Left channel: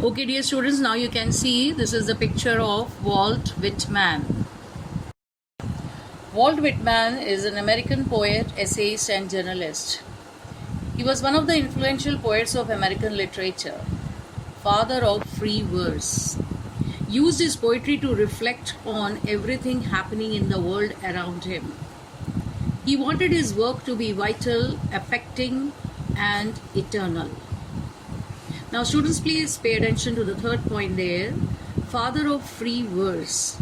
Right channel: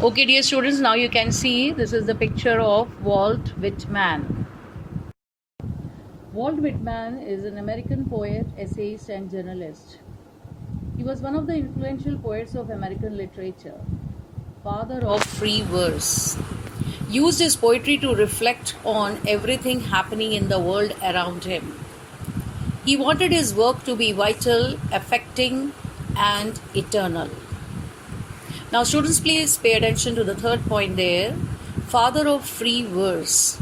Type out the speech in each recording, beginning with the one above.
Okay, dear students, now you can see this is the picture of Walt Whitman. Walt Whitman is an American poet, essayist, and journalist. He was one of the influential poets of American literature, father of free verse. Used his poetry to reflect on everything happening in the world around him. He wanted his work to be vital, affecting, and eternal. Now, students, please pay attention to the third point there. Father of free verse.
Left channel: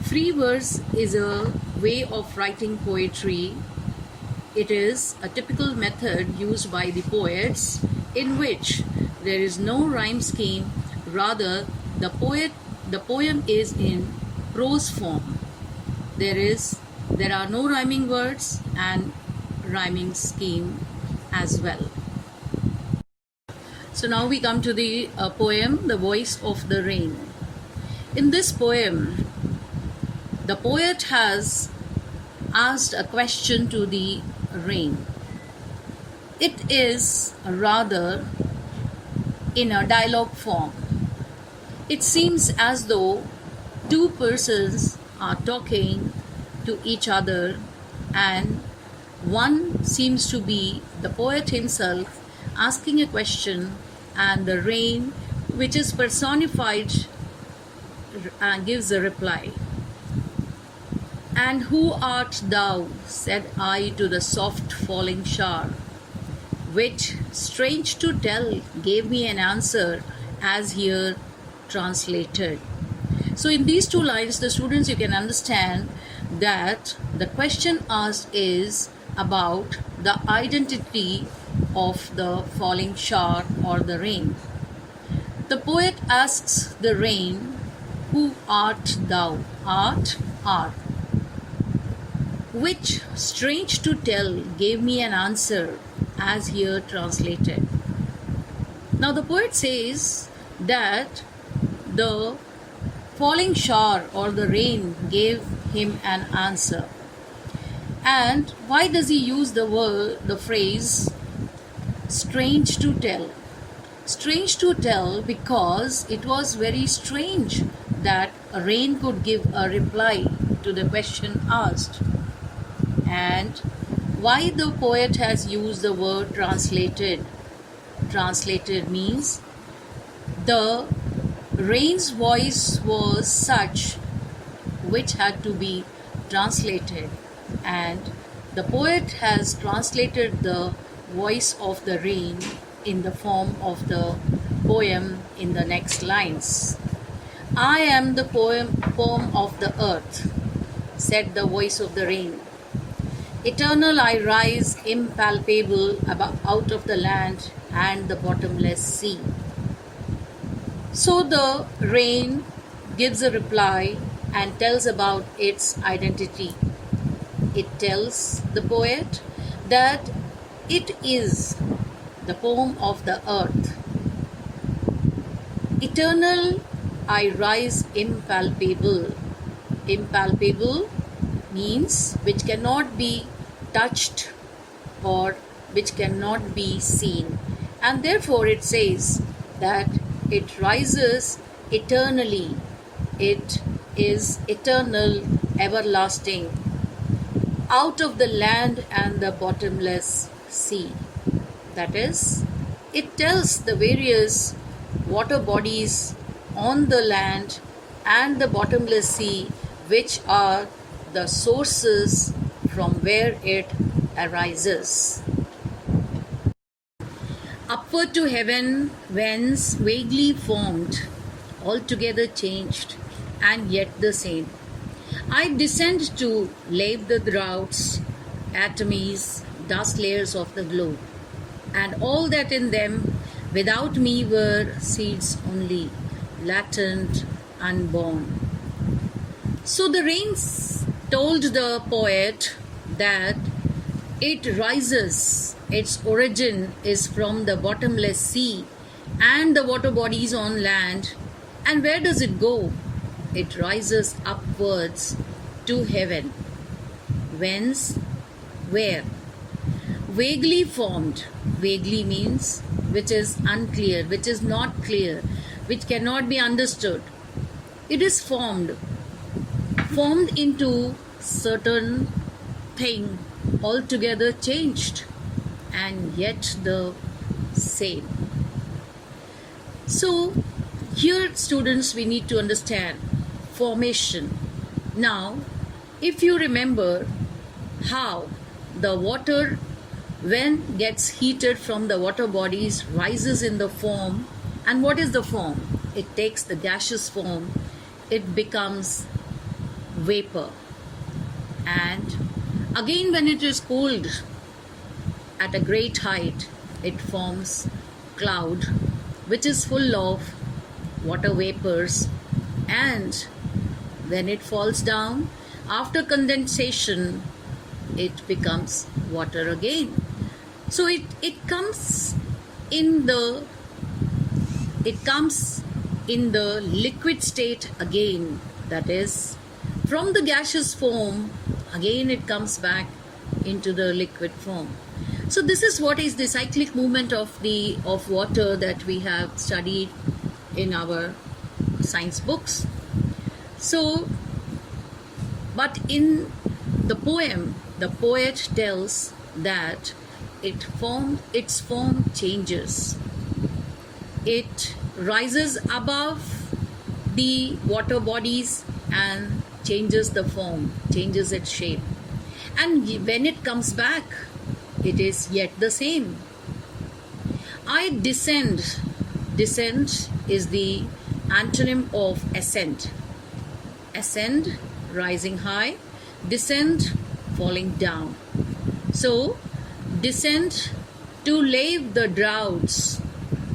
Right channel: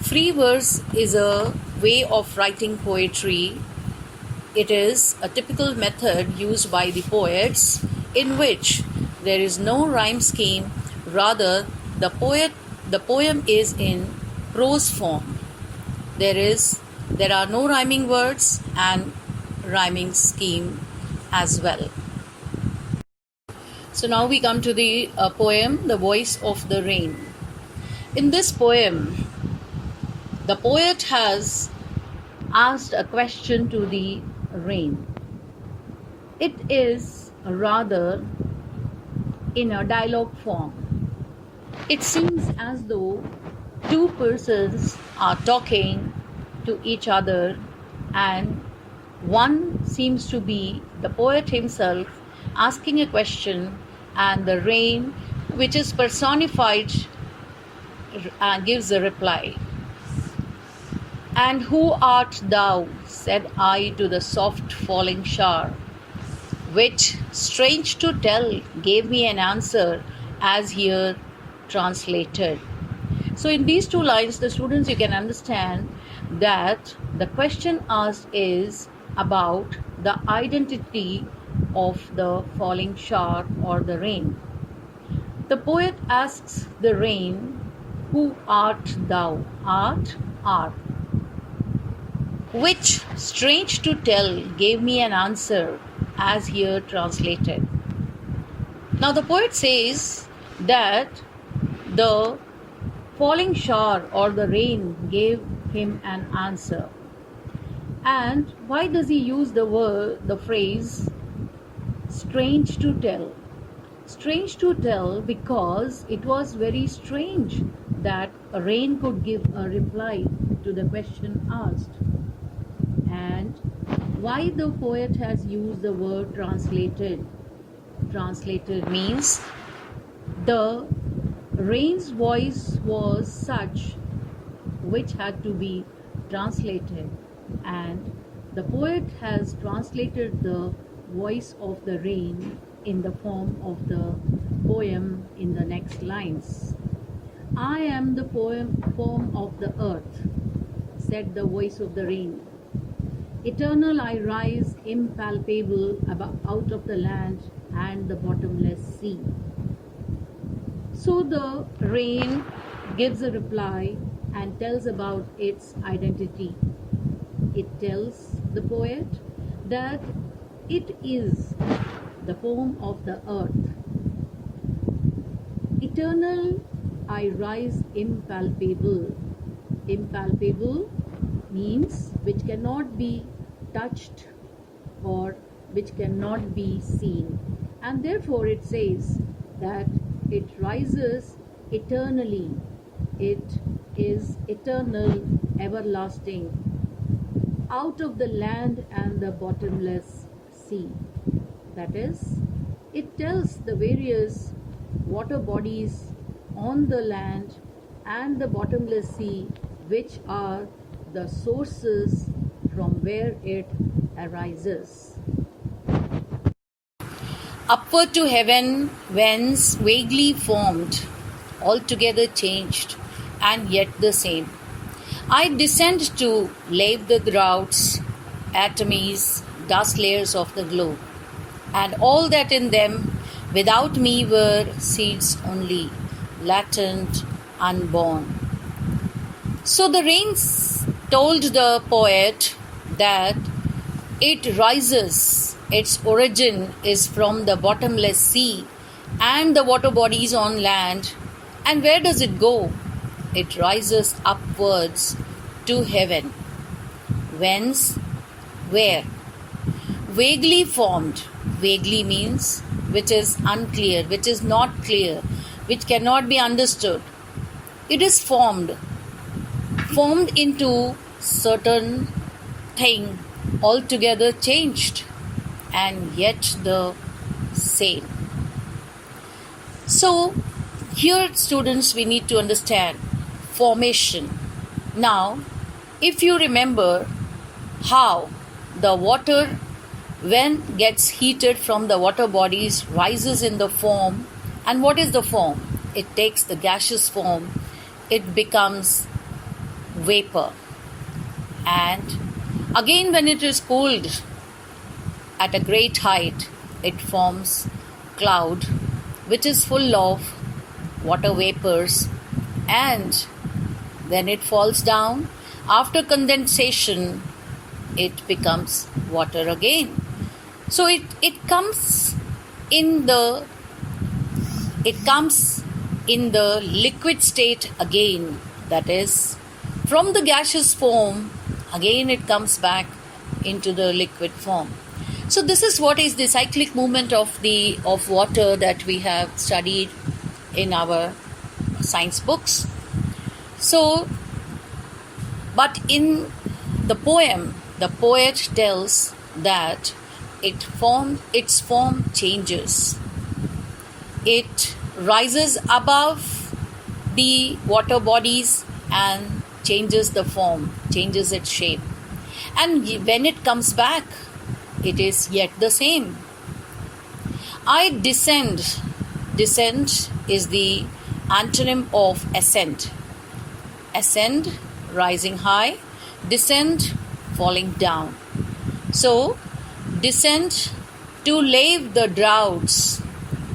Free verse is a way of writing poetry. It is a typical method used by the poets in which there is no rhyme scheme, rather the poem is in prose form. There are no rhyming words and rhyming scheme as well. So now we come to the poem, The Voice of the Rain. In this poem, the poet has asked a question to the rain. It is rather in a dialogue form. It seems as though two persons are talking to each other, and one seems to be the poet himself asking a question, and the rain, which is personified, gives a reply. And who art thou? Said I to the soft falling shower, which, strange to tell, gave me an answer as here translated. So in these two lines, the students, you can understand that the question asked is about the identity of the falling shower or the rain. The poet asks the rain, who art thou? Art, which, strange to tell, gave me an answer as here translated. Now the poet says that the falling shower or the rain gave him an answer. And why does he use the phrase strange to tell? Strange to tell because it was very strange that a rain could give a reply to the question asked. And why the poet has used the word translated? Translated means the rain's voice was such which had to be translated, and the poet has translated the voice of the rain in the form of the poem in the next lines. I am the poem of the earth, said the voice of the rain. Eternal I rise, impalpable, out of the land and the bottomless sea. So the rain gives a reply and tells about its identity. It tells the poet that it is the poem of the earth. Eternal I rise, impalpable. Impalpable means which cannot be touched or which cannot be seen, and therefore it says that it rises eternally. It is eternal, everlasting, out of the land and the bottomless sea. That is, it tells the various water bodies on the land and the bottomless sea, which are the sources from where it arises. Upward to heaven, whence vaguely formed, altogether changed, and yet the same. I descend to lave the droughts, atomies, dust layers of the globe, and all that in them without me were seeds only, latent, unborn. So the rains told the poet that it rises, its origin is from the bottomless sea and the water bodies on land. And where does it go? It rises upwards to heaven. Whence? Where? Vaguely formed. Vaguely means which is unclear, which is not clear, which cannot be understood. It is formed into certain thing altogether changed and yet the same. So here, students, we need to understand formation. Now, if you remember how the water, when gets heated from the water bodies, rises in the form, and what is the form? It takes the gaseous form, it becomes vapor, and again when it is cooled at a great height, it forms cloud, which is full of water vapors, and when it falls down after condensation, it becomes water again. So it comes in the liquid state again, that is from the gaseous form again it comes back into the liquid form. So this is what is the cyclic movement of water that we have studied in our science books. So, but in the poem, the poet tells that its form changes. It rises above the water bodies and changes the form, changes its shape. And when it comes back, it is yet the same. I descend. Descent is the antonym of ascend. Ascend, rising high. Descend, falling down. So, descend to lave the droughts,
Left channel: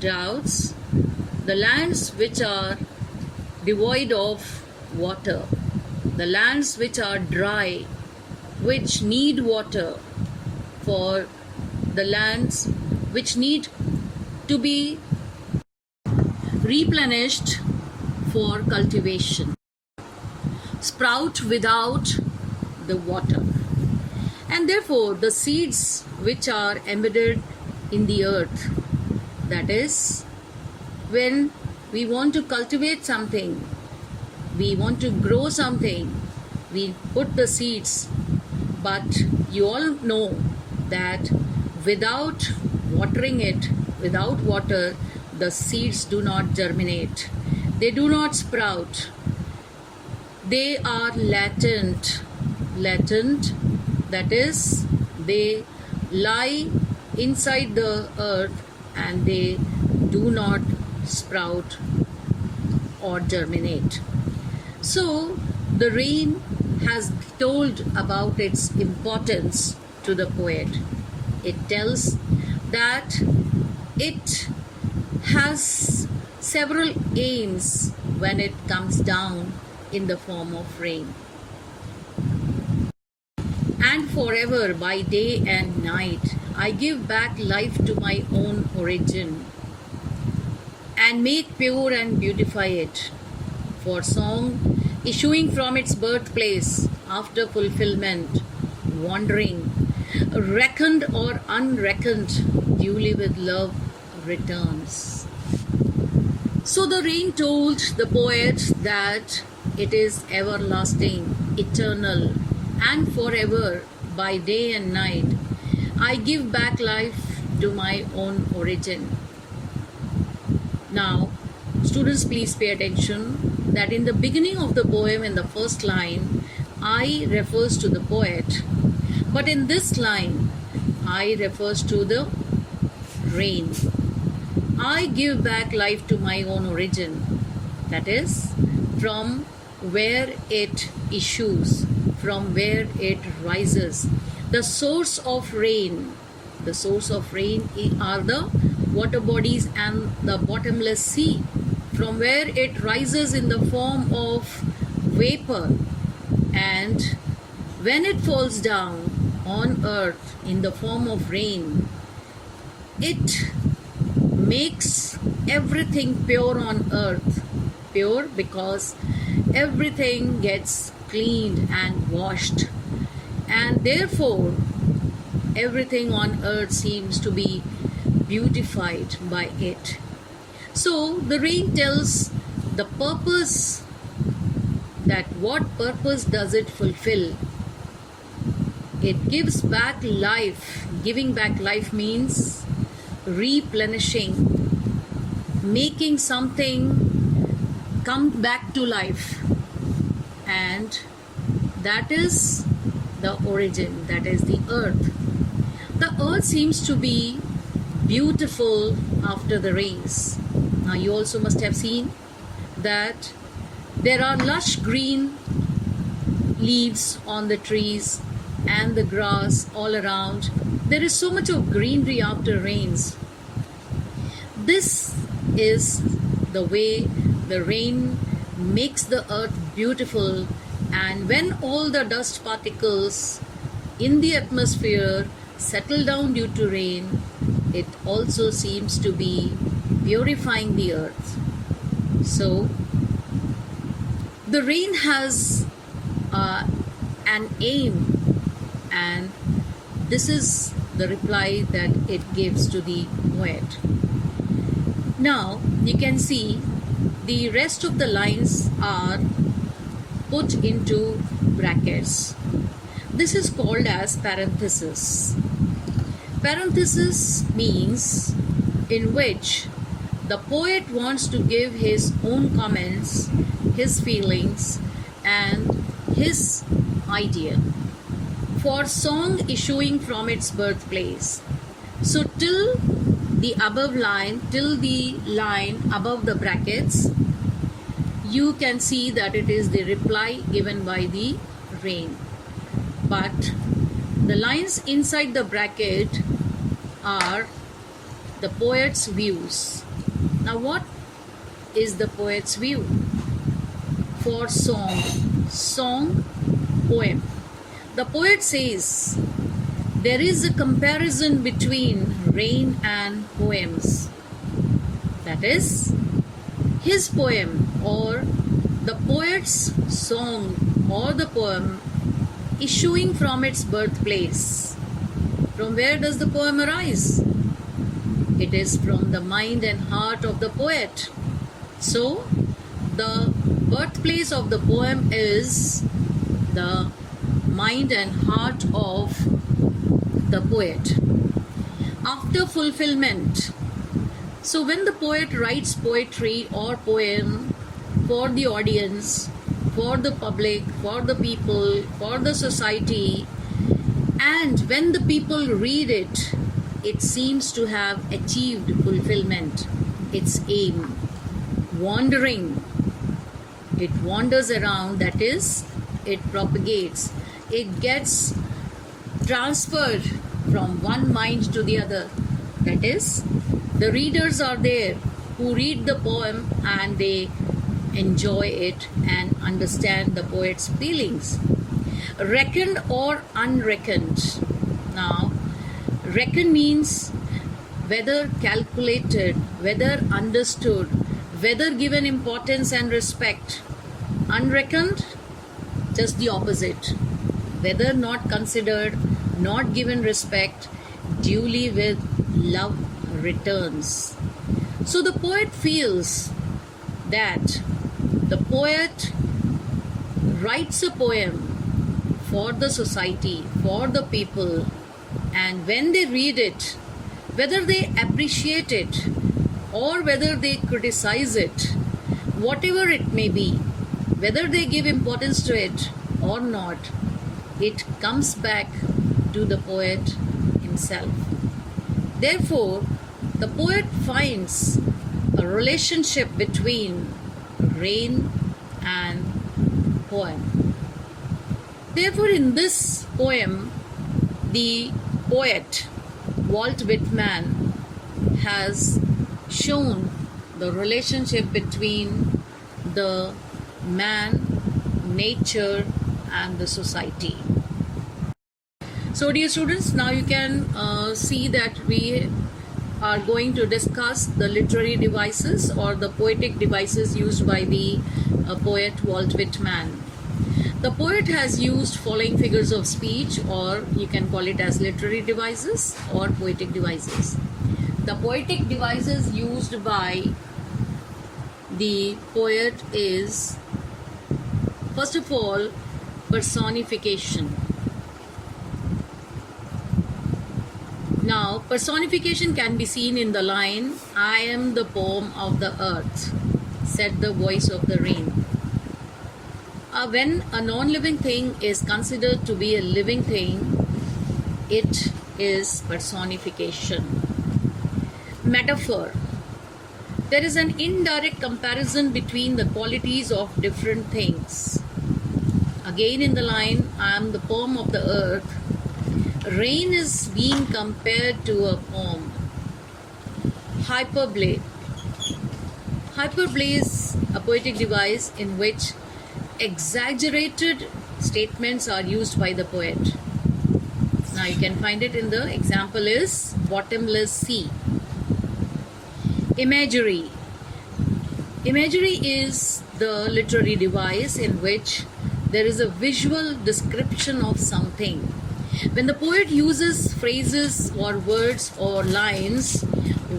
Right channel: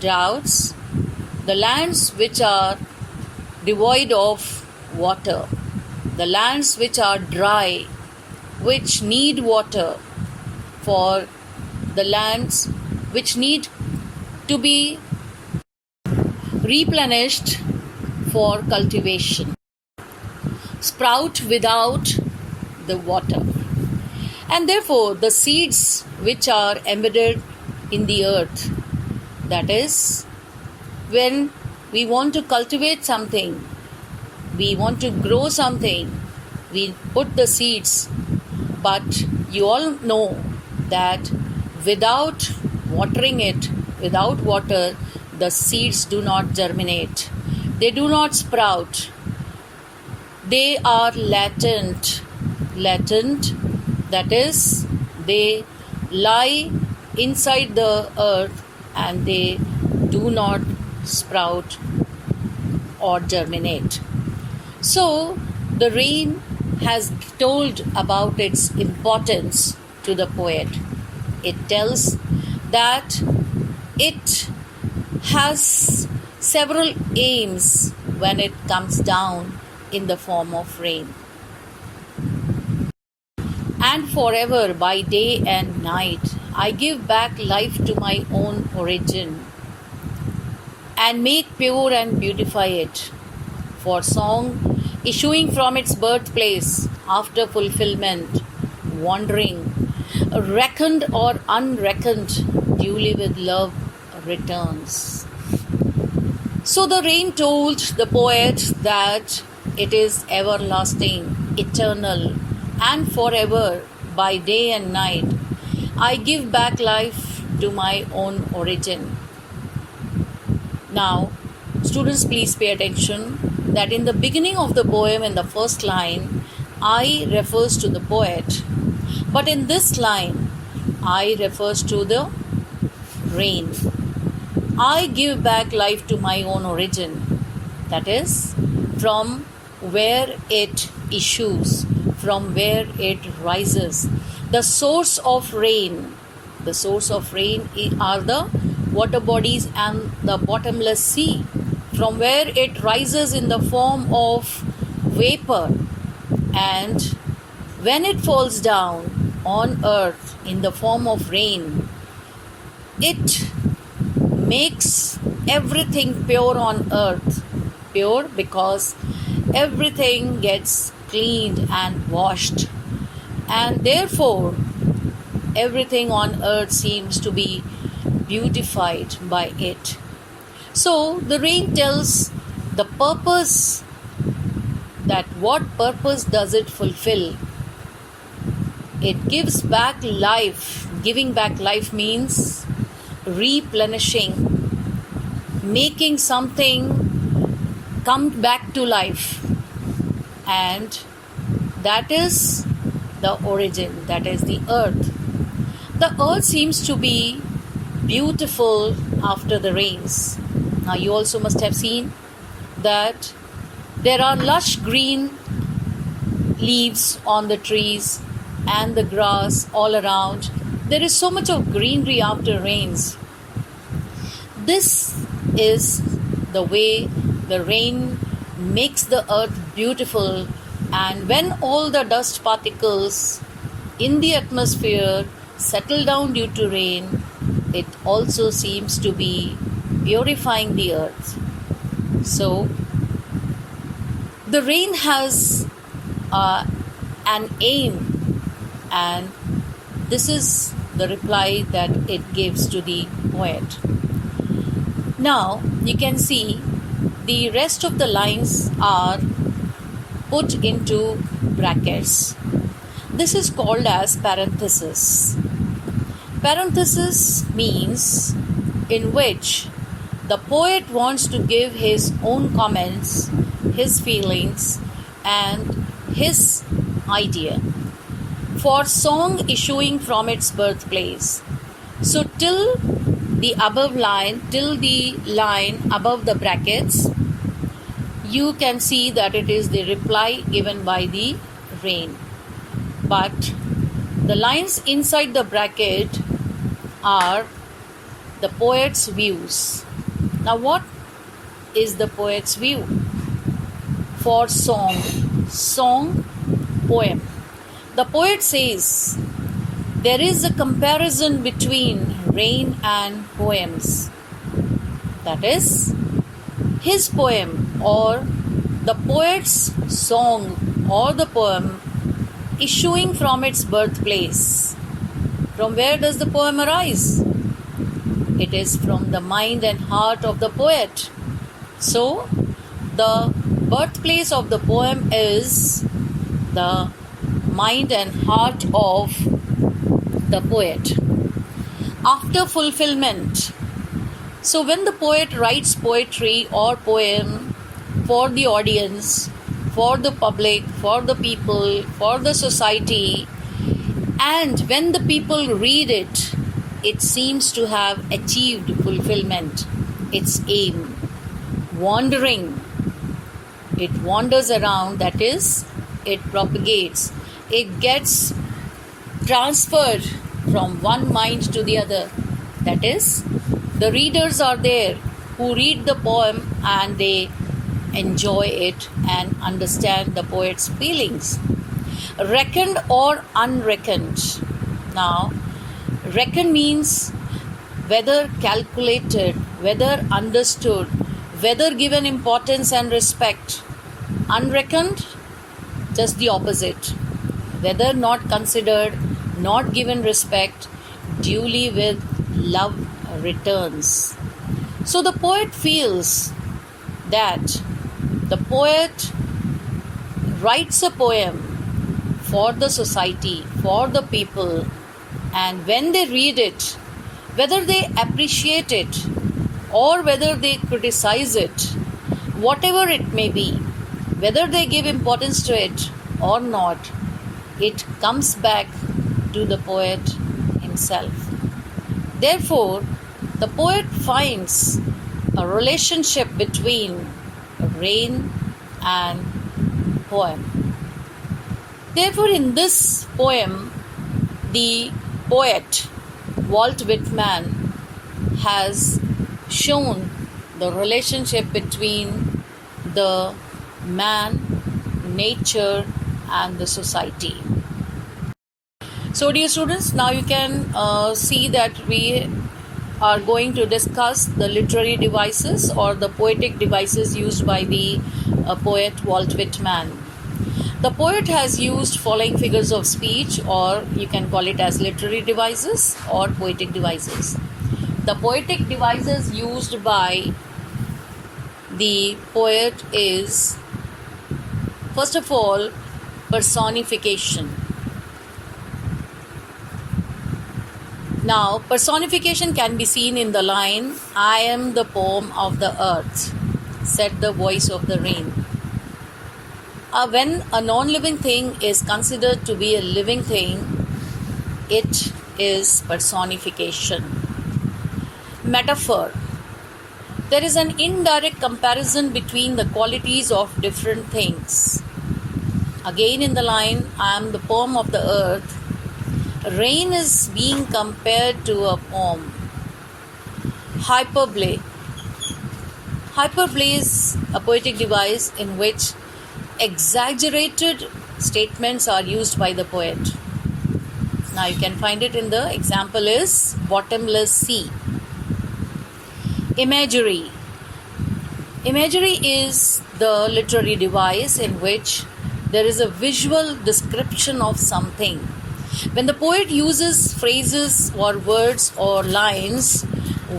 the lands which are devoid of water, the lands which are dry, which need water, for the lands which need to be replenished for cultivation, sprout without the water. And therefore, the seeds which are embedded in the earth, that is, when we want to cultivate something, we want to grow something, we put the seeds, but you all know that without watering it, without water, the seeds do not germinate, they do not sprout, they are latent, that is, they lie inside the earth and they do not sprout or germinate. So the rain has told about its importance to the poet. It tells that it has several aims when it comes down in the form of rain. And forever, by day and night, I give back life to my own origin and make pure and beautify it. For song issuing from its birthplace after fulfillment, wandering, reckoned or unreckoned, duly with love returns. So the rain told the poet that it is everlasting, eternal, and forever, by day and night. I give back life to my own origin. Now, students, please pay attention that in the beginning of the poem, in the first line, I refers to the poet, but in this line, I refers to the rain. I give back life to my own origin, that is, from where it issues, from where it rises. The source of rain are the water bodies and the bottomless sea, from where it rises in the form of vapor, and when it falls down on earth in the form of rain, it makes everything pure on earth. Pure because everything gets cleaned and washed, and therefore everything on earth seems to be beautified by it. So the rain tells the purpose, that what purpose does it fulfill. It gives back life. Giving back life means replenishing, making something come back to life. And that is the origin, that is the earth. The earth seems to be beautiful after the rains. Now, you also must have seen that there are lush green leaves on the trees and the grass all around. There is so much of greenery after rains. This is the way the rain makes the earth beautiful, and when all the dust particles in the atmosphere settle down due to rain, it also seems to be purifying the earth. So, the rain has an aim, and this is the reply that it gives to the poet. Now, you can see the rest of the lines are put into brackets. This is called as parenthesis. Parenthesis means in which the poet wants to give his own comments, his feelings, and his idea for song issuing from its birthplace. So till the above line, till the line above the brackets, you can see that it is the reply given by the rain. But the lines inside the bracket are the poet's views. Now, what is the poet's view for song? Song, poem. The poet says there is a comparison between rain and poems. That is, his poem or the poet's song or the poem issuing from its birthplace. From where does the poem arise? It is from the mind and heart of the poet. So, the birthplace of the poem is the mind and heart of the poet. After fulfillment. So, when the poet writes poetry or poem for the audience, for the public, for the people, for the society, and when the people read it, it seems to have achieved fulfillment, its aim. Wandering, it wanders around, that is, it propagates, it gets transferred from one mind to the other. That is, the readers are there who read the poem and they enjoy it and understand the poet's feelings. Reckoned or unreckoned. Now, reckon means whether calculated, whether understood, whether given importance and respect. Unreckoned, just the opposite. Whether not considered, not given respect, duly with love returns. So the poet feels that the poet writes a poem for the society, for the people, and when they read it, whether they appreciate it or whether they criticize it, whatever it may be, whether they give importance to it or not, it comes back to the poet himself. Therefore, the poet finds a relationship between rain and poem. Therefore, in this poem, the poet Walt Whitman has shown the relationship between the man, nature, and the society. So, dear students, now you can see that we are going to discuss the literary devices or the poetic devices used by the poet Walt Whitman. The poet has used following figures of speech, or you can call it as literary devices or poetic devices. The poetic devices used by the poet is, first of all, personification. Now, personification can be seen in the line, "I am the poem of the earth," said the voice of the rain. When a non-living thing is considered to be a living thing, it is personification. Metaphor. There is an indirect comparison between the qualities of different things. Again in the line, "I am the poem of the earth," rain is being compared to a poem. Hyperbole. Hyperbole is a poetic device in which exaggerated statements are used by the poet. Now you can find it in the example is bottomless sea. Imagery. Imagery is the literary device in which there is a visual description of something. When the poet uses phrases or words or lines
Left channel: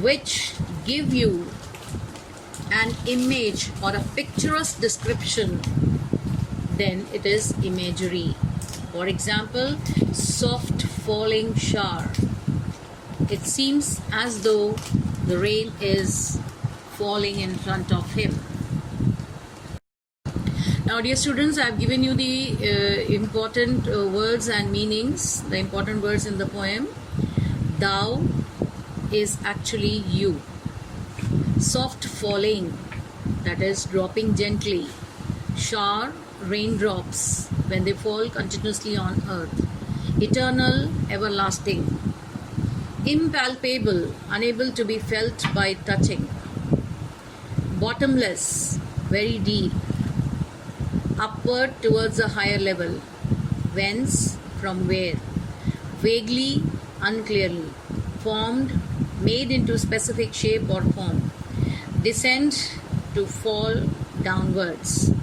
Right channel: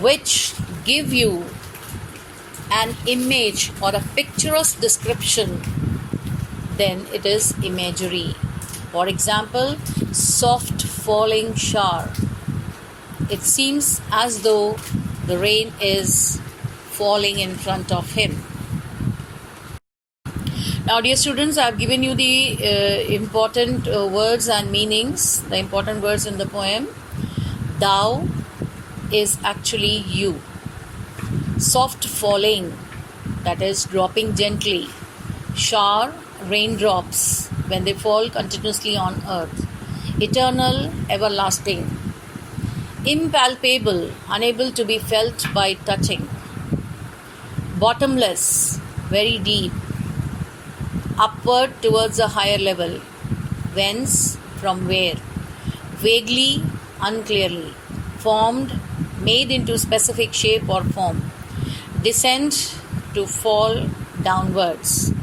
which give you an image or a picturesque description, then it is imagery. For example, soft falling shower. It seems as though the rain is falling in front of him. Now, dear students, I have given you the important words and meanings, the important words in the poem. Thou is actually you. Soft falling, that is dropping gently. Shower, raindrops when they fall continuously on earth. Eternal, everlasting. Impalpable, unable to be felt by touching. Bottomless, very deep. Upward towards a higher level. Whence, from where. Vaguely, unclearly. Formed, made into specific shape or form. Descend, to fall downwards.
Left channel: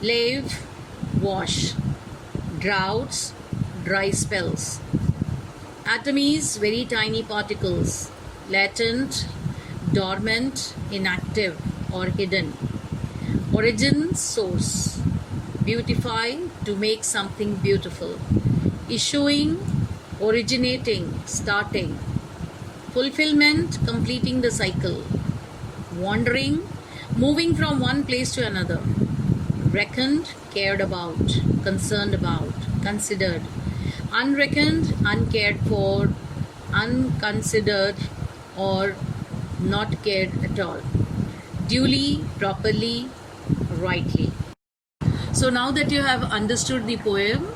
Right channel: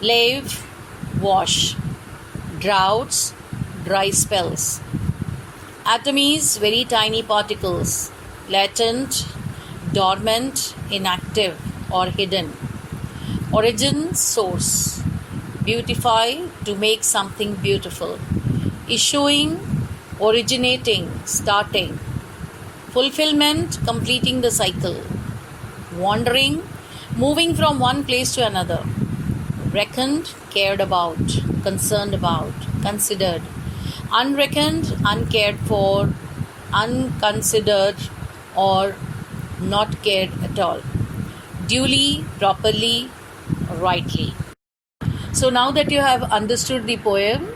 Lave, wash. Droughts, dry spells. Atomies, very tiny particles. Latent, dormant, inactive or hidden. Origin, source. Beautify, to make something beautiful. Issuing, originating, starting. Fulfillment, completing the cycle. Wandering, moving from one place to another. Reckoned, cared about, concerned about, considered. Unreckoned, uncared for, unconsidered, or not cared at all. Duly, properly, rightly. So now that you have understood the poem,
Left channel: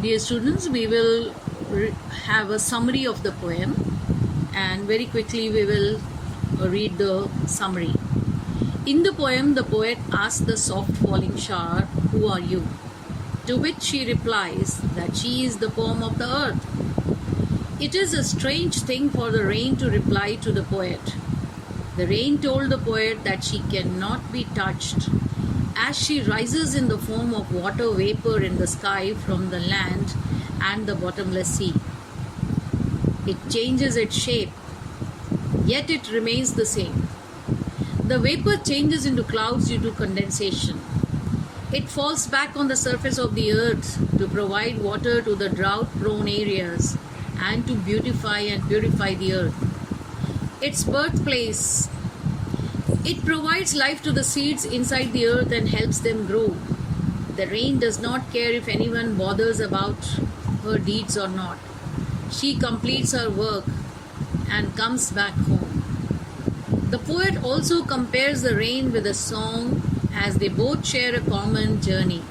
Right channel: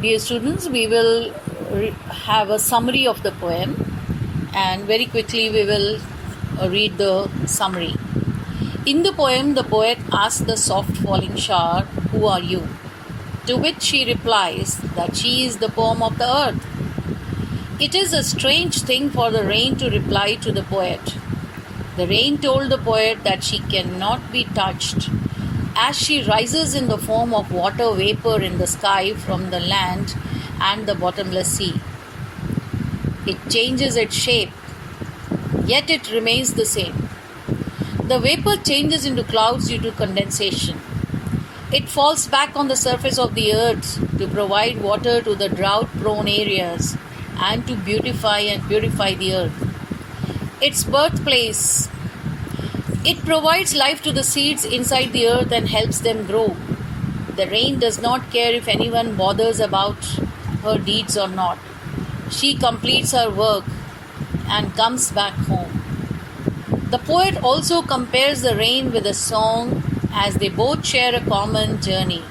dear students, we will have a summary of the poem, and very quickly we will read the summary. In the poem, the poet asks the soft falling shower, "Who are you?" To which she replies that she is the poem of the earth. It is a strange thing for the rain to reply to the poet. The rain told the poet that she cannot be touched, as she rises in the form of water vapor in the sky from the land and the bottomless sea. It changes its shape, yet it remains the same. The vapor changes into clouds due to condensation. It falls back on the surface of the earth to provide water to the drought-prone areas and to beautify and purify the earth. Its birthplace. It provides life to the seeds inside the earth and helps them grow. The rain does not care if anyone bothers about her deeds or not. She completes her work and comes back home. The poet also compares the rain with a song, as they both share a common journey.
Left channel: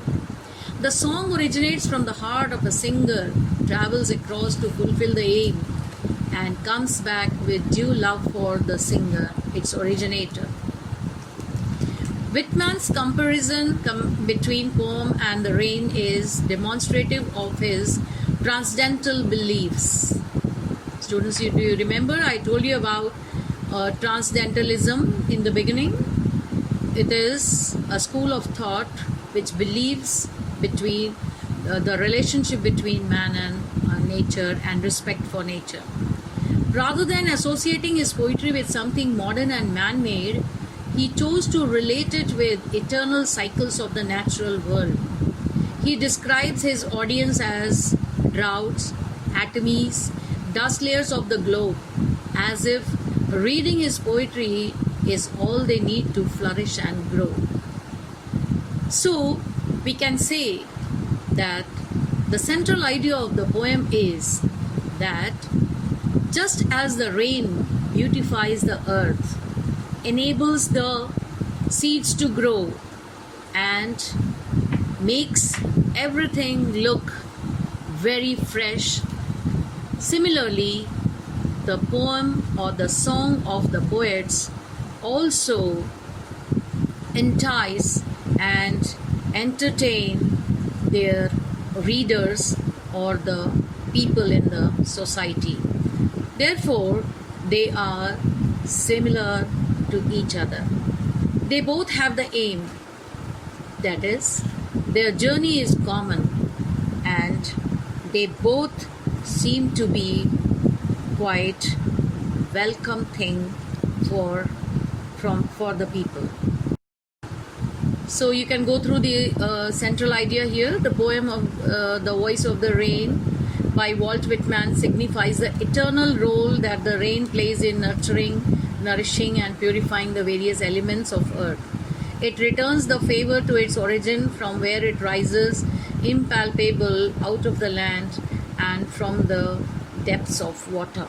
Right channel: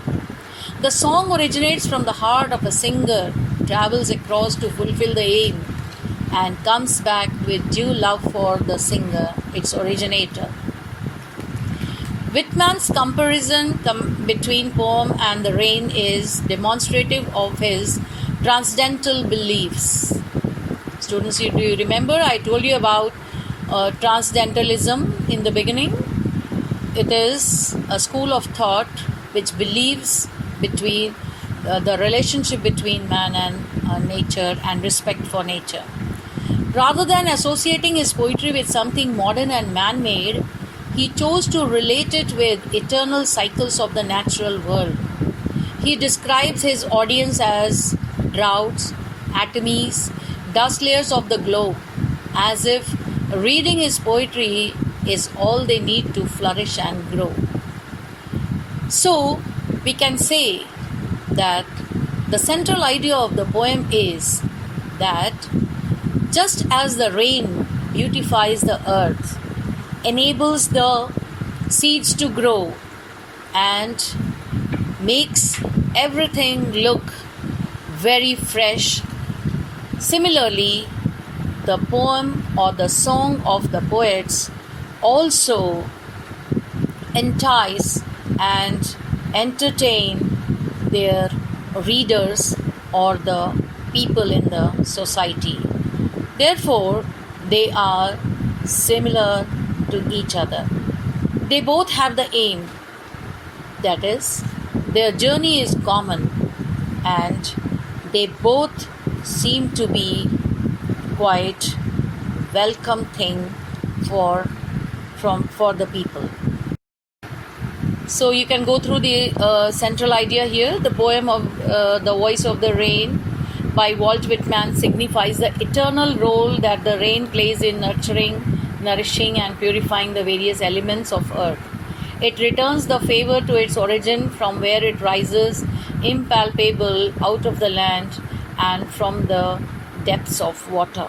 The song originates from the heart of a singer, travels across to fulfill the aim, and comes back with due love for the singer, its originator. Whitman's comparison between poem and the rain is demonstrative of his transcendental beliefs. Students, do you remember I told you about transcendentalism in the beginning? It is a school of thought which believes between the relationship between man and nature and respect for nature. Rather than associating his poetry with something modern and man made, he chose to relate it with eternal cycles of the natural world. He describes his audience as droughts, atomies, dust layers of the globe, as if reading his poetry is all they need to flourish and grow. So, we can say that the central idea of the poem is that just as the rain beautifies the earth, enables the seeds to grow, and makes everything look very fresh, similarly, the poem or the song of the poets also entice and entertain their readers or the people in the society. Therefore, they are similar to each other. They both have the aim, that is, their journey is common, and they both seem to be quite welcome thing for the people. So you can go through the central idea here. The poem of The Voice of the Rain by Walt Whitman signifies the eternal role that the rain plays in nurturing, nourishing, and purifying the various elements of earth. It returns the favor to its origin from where it rises, impalpable, out of the land and from the depths of water.